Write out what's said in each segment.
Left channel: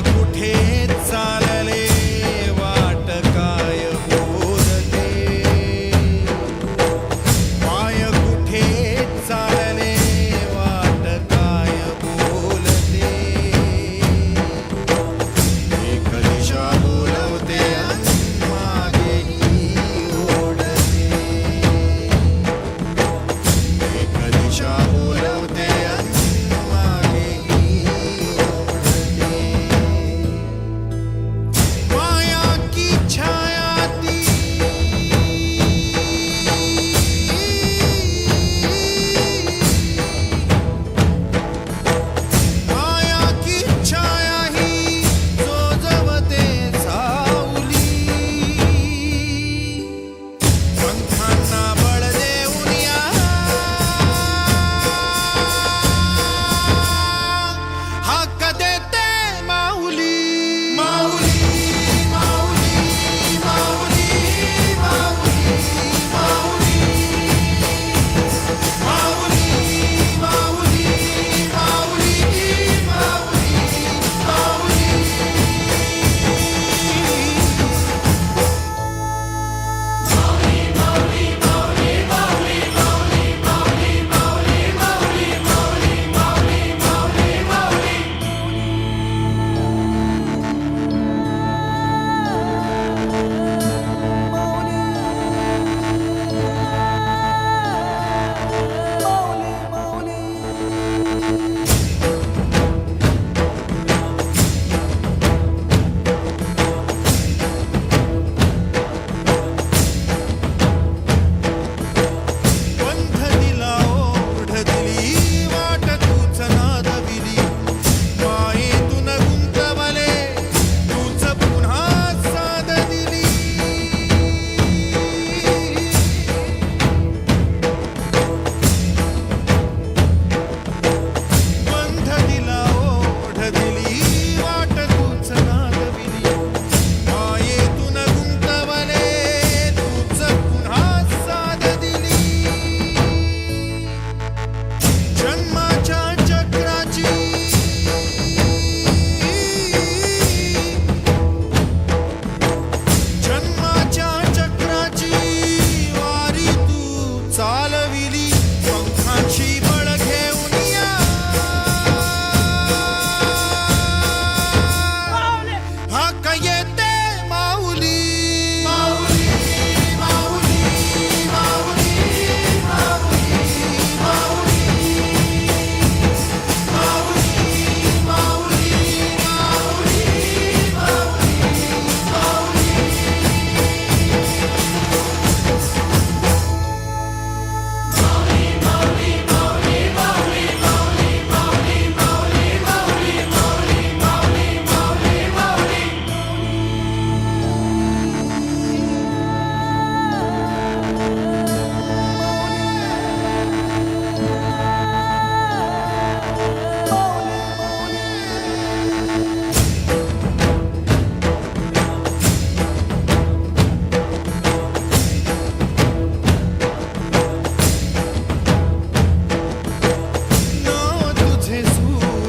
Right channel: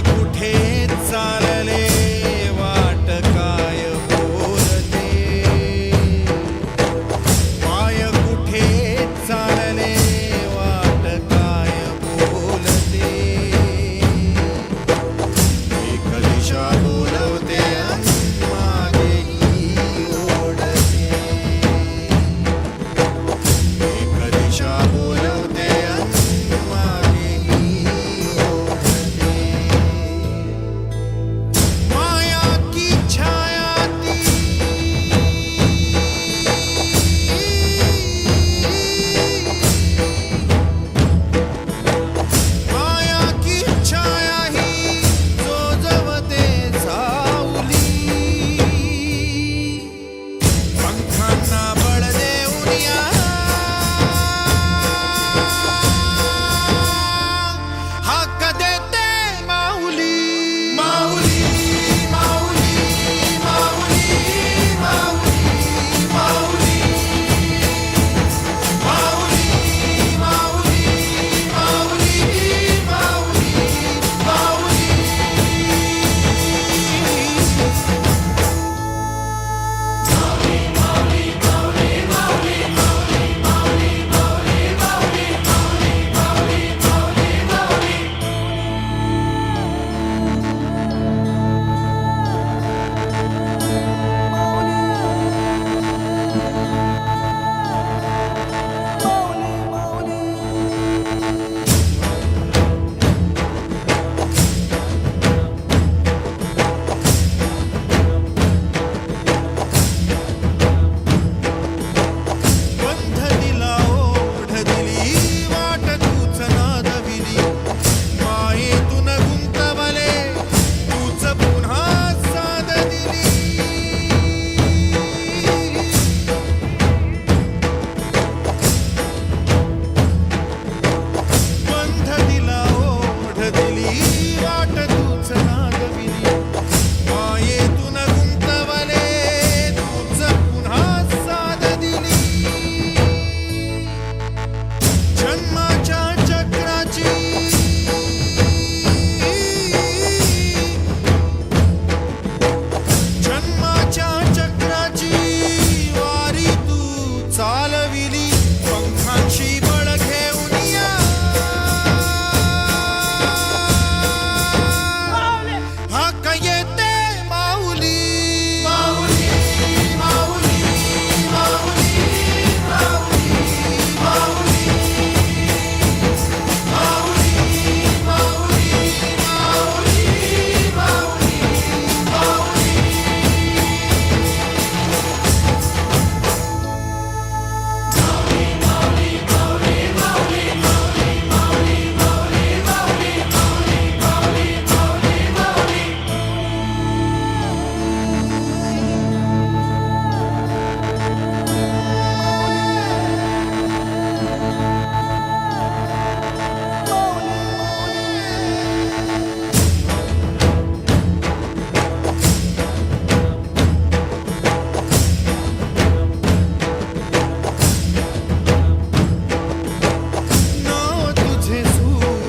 कुठे चालले? वाट काय बोलते? पाय कुठे चालले? ഓടതില ഓടതിലീ വാട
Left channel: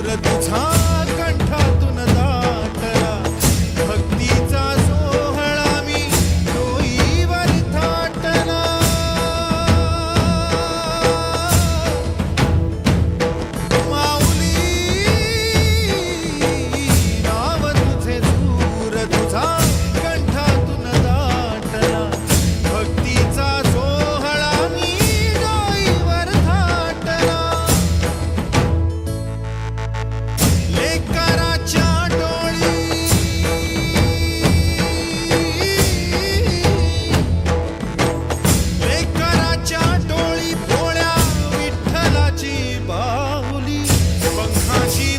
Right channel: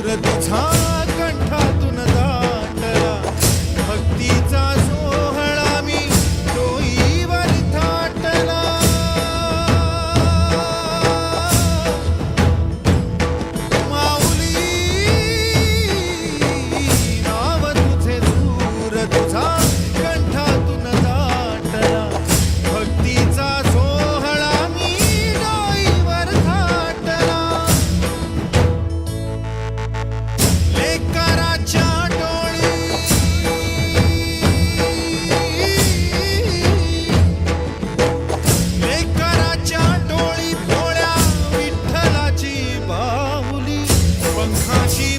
कुदरत छा डोळी. भोळ्या विठ्ठलाची बाहुली पंखाची